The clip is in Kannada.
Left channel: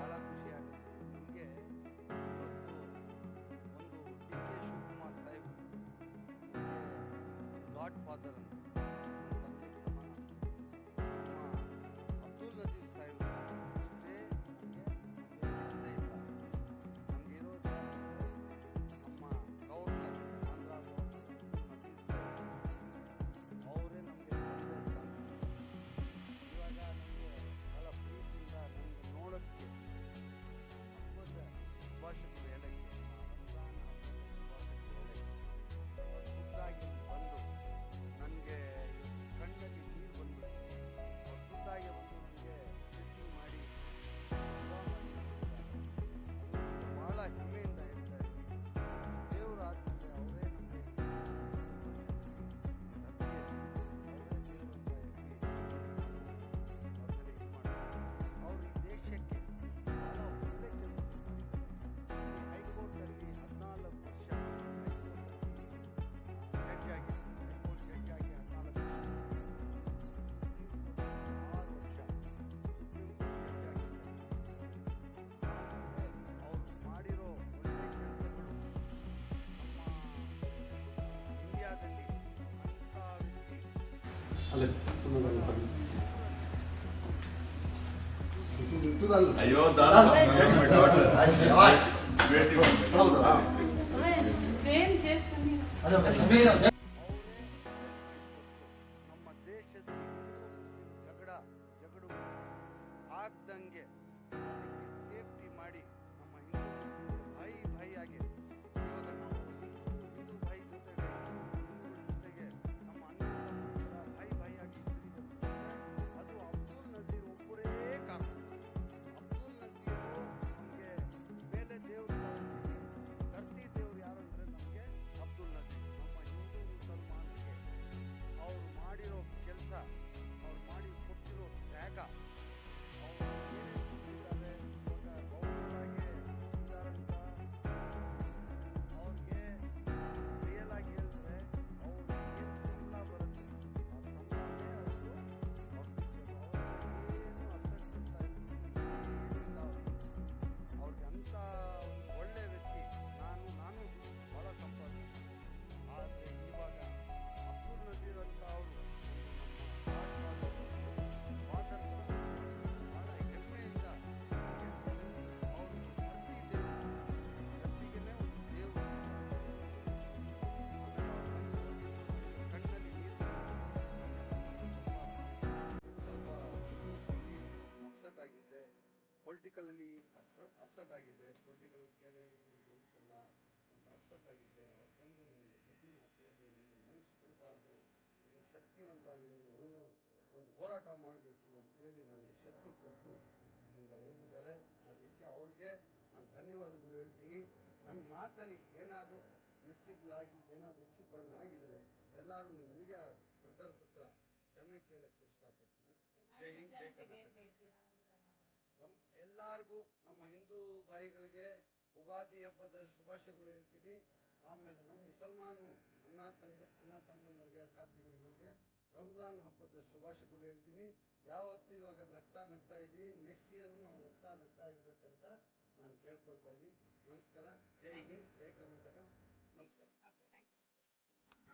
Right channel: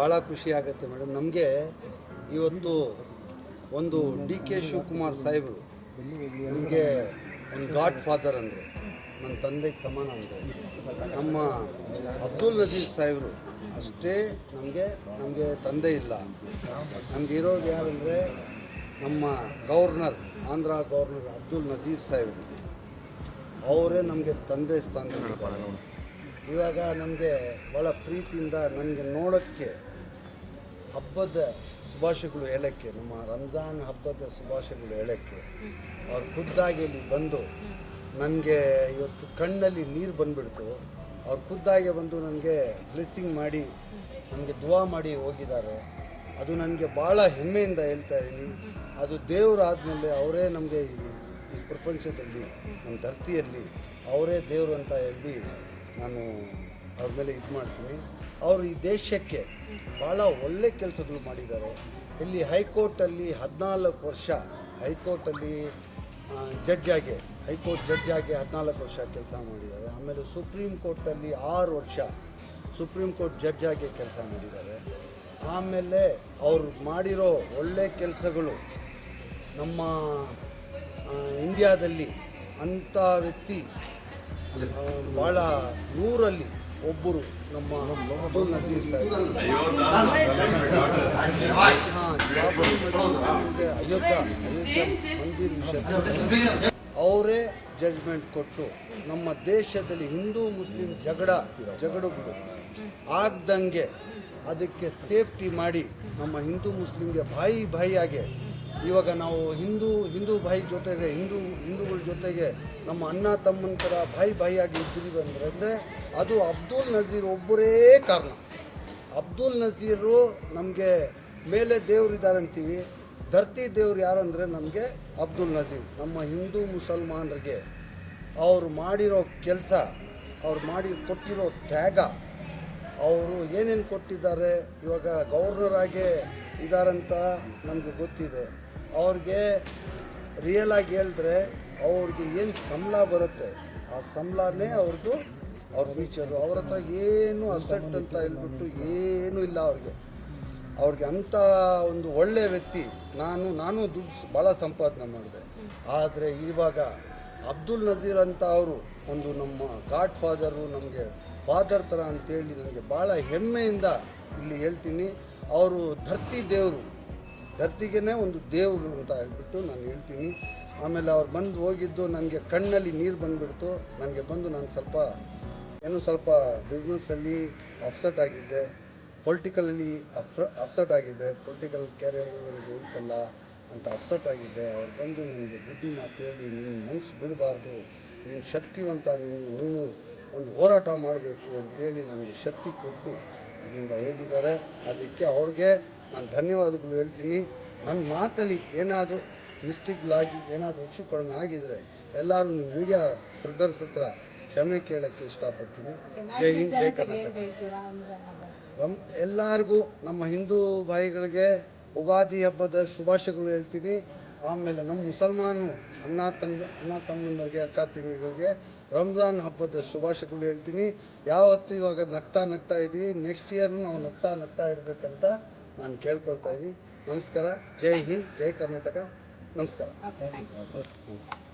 ಭಾಳ ಖುಷಿ ಆಗುತ್ತೆ ಮೇಡಮ್. ನಮಗೆ ಇವತ್ತು ಒಂದು ಡಿ ಕೆ ಶಿವಕುಮಾರ್ ಸಾಹೇಬರು ನಮಗೆ ಒಂದು ಗಾಡ್ ಫಾದರ್ ಅಂದರೆ, ನನ್ನ ತಂದೆಗೆ ಸಮಾನ ಅಂದರೆ. ನಮ್ಮ ಅಬ್ದುಲ್ ನಜೀರ್ ಸಾಹೇಬರು ಅಷ್ಟೇ ನಮಗೆ ತಂದೆ ಇಲ್ಲ. ನಮಗೆ ಇರೋದು ಯಾರಂದರೆ ನಮ್ಮ ಗವರ್ನರ್, ಆಂಧ್ರ ಗವರ್ನರ್ ಅಬ್ದುಲ್ ನಜೀರ್ ಸಾಹೇಬರು. ಅವರೇ ನಮಗೆ ತಂದೆ ಸ್ಥಾನದಲ್ಲಿದ್ದಾರೆ. ಇವಾಗ ನಮಗೆ ಭಾಳ ಪ್ರೀತಿಯಿಂದ ನನಗೆ ನೋಡೋಕ್ಕೆ ಹಬ್ಬದ ಶುಭಾಶಯಗಳು ಹೇಳೋಕ್ಕೆ, ನಮ್ಮ ರಂಜಾನ್ ಹಬ್ಬದ ಶುಭಾಶಯಗಳು ಹೇಳೋಕ್ಕೆ ಅವ್ರು ಖುದ್ದಾಗಿ ಇಲ್ಲಿ ಬಂದು ನನಗೆ ಇವತ್ತು ಕಣ್ಣಲ್ಲಿ ನೀರು ಬಂದುಬಿಡ್ತು. ಅವ್ರು ಖುದ್ದಾಗೆ ಬಂದು ನನಗೆ ಬ್ಲೆಸ್ಸಿಂಗ್ ಮಾಡಿ ನನಗೆ ದುವಾ ಮಾಡಿ ಹೋಗಿದ್ದಾರೆ. ಅದು ನನಗೆ ಭಾಳ ಹೆಮ್ಮೆಯಿಂದ ಹೇಳ್ತಾ ಇದ್ದೀನಿ. ಅದು ದೇವರು ಆದಮೇಲೆ ಅವರೇ ನಮಗೆ ಈ ಪ್ರಪಂಚದಲ್ಲಿ, ನಮ್ಮ ಧರ್ತಿಯಲ್ಲಿ ಅವರೇ ದೇವರು ಅಂತ ಹೇಳಿ ನಾನು ಅವ್ರ ಮೇಲೆ ಇದು ಮಾಡ್ತೀನಿ. ಅವರು ಈ ದೇಶಕ್ಕೆ ಭಾಳ ಒಳ್ಳೆ ಕೆಲಸಗಳು ಮಾಡಿದ್ದಾರೆ. ಇಲ್ಲಿ ಹೈಕೋರ್ಟಲ್ಲಿ 14 ವರ್ಷ ಹೈಕೋರ್ಟಲ್ಲಿ ಹೈಕೋರ್ಟ್ ಜಡ್ಜಾಗಿ 14 ವರ್ಷ ಕೆಲಸ ಮಾಡಿದ್ದಾರೆ. ಆಮೇಲೆ ಸುಪ್ರೀಂ ಕೋರ್ಟಲ್ಲಿ 6 ವರ್ಷ ಸುಪ್ರೀಂ ಕೋರ್ಟ್ ಜಡ್ಜಾಗಿ ಕೆಲಸ ಮಾಡಿದ್ದಾರೆ. ಆಮೇಲೆ ಅವರು ಮಾಡಿರೋ ಒಳ್ಳೆ ಕೆಲಸಗಳು ನಮ್ಮ ಇಂಡಿಯಾದಲ್ಲಿ ಅಂಥ ವ್ಯಕ್ತಿ ಭಾಳ 100ರಲ್ಲಿ ಒಬ್ಬರು ನಮ್ಮ ಅಬ್ದುಲ್ ನಜೀರ್ ಸಾಹೇಬ್. ಅವರೇ ಜಡ್ಜ್ಮೆಂಟ್ ಕೊಟ್ಟು ನಮ್ಮ ದೇಶದಲ್ಲಿ ಹಿಂದೂ ಮುಸ್ಲಿಂ ಜಗಳಗಳು ಆಗ್ದಂಗೆ ಅದಕ್ಕೆ ಸೇಫ್ಟಿ ಮಾಡಿ ನಮ್ಮ ಹಿಂದೂ ಮುಸ್ಲಿಮ್ಗೆ ಬಾಯಿಯಾಗೆ ಇವಾಗ ನಾವು ಹಿಂದೂ ಭಾಯಿ ಜೊತೆಗೆ ಹಿಂದೂಗಳ ಜೊತೆಗೆ ನಮ್ಮ ಅಣ್ಣ ತಮ್ಮನ ಥರ ಬಾಯಿಯಾಗಿ ಇದ್ದೀವಿ ಅಂದರೆ ಅದು ಅಬ್ದುಲ್ ನಜೀರ್ ಒಬ್ಬರೇ ಕಾರಣ. ಅಬ್ದುಲ್ ನಜೀರು ನಮಗೆ ಮೇಲೆ ದೇವರಿದ್ದಾರೆ ಅಂತೀವಿ, ಧರ್ತಿ ದೇವ್ರು ಯಾರಂದರೆ ನಮಗೆ ಅಬ್ದುಲ್ ನಜೀರ್. ನಮ್ಮ ಹಿಂದೂ ಮುಸಲ್ಮಾನರಿಗೆ ಅವರು ಮಾಡಿರೋ ಕೆಲಸ, ಅವ್ರು ಕೊಟ್ಟಿರೋ ತ್ಯಾಗ, ಅವರು ಏನೇನು ಕೊಟ್ಟಿದ್ದಾರೆ. ಇವಾಗ ಗವರ್ನರ್ ಆಗಿ ಇದ್ದಾರಂತ ನನಗೆ ಗೊತ್ತಿದೆ. ಅವ್ರಿಗೆ ರಿಯಲ್ ಆಗಿ ಹೇಳಿದ್ರೆ ಅವ್ರಿಗೆ ಏನು ಸಂಬಳ ಬರುತ್ತೆ ಆ ಸಂಬಳನೇ ಅವ್ರ ಫ್ಯೂಚರು. ಅವ್ರ ಹತ್ರ ಏನು ಅಸೆಟ್ ಅಂತ ಹೇಳ್ಬಿಟ್ಟು ಏನೂ ಇಲ್ಲ ಅವ್ರಿಗೆ ಅಂಥ ಒಂದು ಒಳ್ಳೆಯ ವ್ಯಕ್ತಿ. ನಾನು ದುಡ್ಡು ಭಾಳ ಸಂಪಾದನೆ ಮಾಡಿದೆ. ಆದರೆ ಇವಾಗ ಅಬ್ದುಲ್ ನಜೀರ್ ಅಂತ ಅವರು ಒಂದು ನಮ್ಮ ಗಾಡ್ ಫಾದರು, ನಮಗೆ ಫಾದರ್ ಥರ ಅಂತೇಳಿ ನನಗೆ ಭಾಳ ಹೆಮ್ಮೆಯಿಂದ ಇಲ್ಲಿ ಹೇಳ್ತೀನಿ. ಅವರು ಧರ್ತಿಗೇ ಒಂದು ದೇವರು ಅಂತ ಹೇಳ್ಬಿಟ್ಟು ನಾನು ಹೇಳ್ತೀನಿ. ಆಮೇಲೆ ಅವ್ರು ಬಂದು ಹೋಗಿದ್ದು ನನಗೆ ಕಣ್ಣಲ್ಲಿ ನೀರು ಬಂದುಬಿಡ್ತು. ನನಗೆ ಬಂದು ನಾನು ಸ್ವಲ್ಪ ಬಿಸ್ನೆಸ್ಸಲ್ಲಿ ಅಪ್ಸೆಟ್ ಆಗಿದ್ದೆ, ಪೊಲಿಟಿಕಲಲ್ಲಿ ಅಪ್ಸೆಟ್ ಆಗಿದ್ದೆ, ಪೊಲಿಟಿಕಲ್ ಕ್ಯಾರಿಯರ್ಗಳಿಗೆ ಇತ್ತಲ್ಲ ಅಂತ ಅಪ್ಸೆಟ್ ಆಗಿದ್ದೆ. ಅವ್ರು ಬಂದು ನನಗೆ ಬುದ್ಧಿ ಮಾತು ಹೇಳಿ, ನೀನು ಮನಸ್ಸು ಬಿಡಬಾರ್ದು, ನೀನು ಶಕ್ತಿವಂತ, ನೀನು ಒಂದು ಹೋರಾಟ ಮಾಡಬೇಕು ಅಂತೇಳಿ ನನಗೆ ಶಕ್ತಿ ಕೊಟ್ಟು ಇದರಿಂದ ಹೋಗಿದ್ದಾರೆ. ಅದಕ್ಕೆ ಅವ್ರಿಗೆ ನಾನು ಧನ್ಯವಾದಗಳು ಹೇಳ್ತೀನಿ. ನನ್ನ ಮಾತಲ್ಲಿ ಏನಾದರೂ ಮಿಸ್ಟೇಕ್ಗಳಾಗಿ ಏನಾದರೂ ಹೆಚ್ಚು ಕಡಿಮೆ ಆಗಿದರೆ ಎಲ್ಲರೂ ನಿಮ್ಮ ಮೀಡಿಯಾ ಬ್ರದರ್ಸ್ ಹತ್ರ ಕ್ಷಮೆ ಕೇಳೋಕ್ಕೆ ಇಷ್ಟಪಡ್ತೀನಿ. ಜೈ ಹಿಂದ್, ಜೈ ಕರ್ನಾಟಕ. ಎಲ್ಲರಿಗೂ ನಮ್ಮ ಹಿಂದೂ ಭಾಯಿಗಳಿಗೆ ಉಗಾದಿ ಹಬ್ಬದ ಶುಭಾಶಯಗಳು ಹೇಳ್ತೀನಿ. ಆಮೇಲೆ ನಮ್ಮ ಮುಸಲ್ಮಾನು ಅಣ್ಣ ತಮ್ಮಂದರಿಗೆ, ಅಕ್ಕ ತಂಗಿಗಳಿಗೆ ರಂಜಾನ್ ಹಬ್ಬದ ಶುಭಾಶಯಗಳು ಹೇಳ್ತೀನಿ. ಯಾವತ್ತು ಇವಾಗ ನಗ್ತಾ ಇದ್ದೀವಿ, ನೆಕ್ಸ್ಟ್ ಇಯರ್ನು ನಾವು ನಗ್ತಾ ಇರಬೇಕಂತ ನಾನು ಕೇಳ್ಕೊಳ್ತಾ ಇದ್ದೀನಿ. ನಮಸ್ಕಾರ. ಜೈ ಹಿಂದ್, ಜೈ ಕರ್ನಾಟಕ. ನಮಸ್ಕಾರ.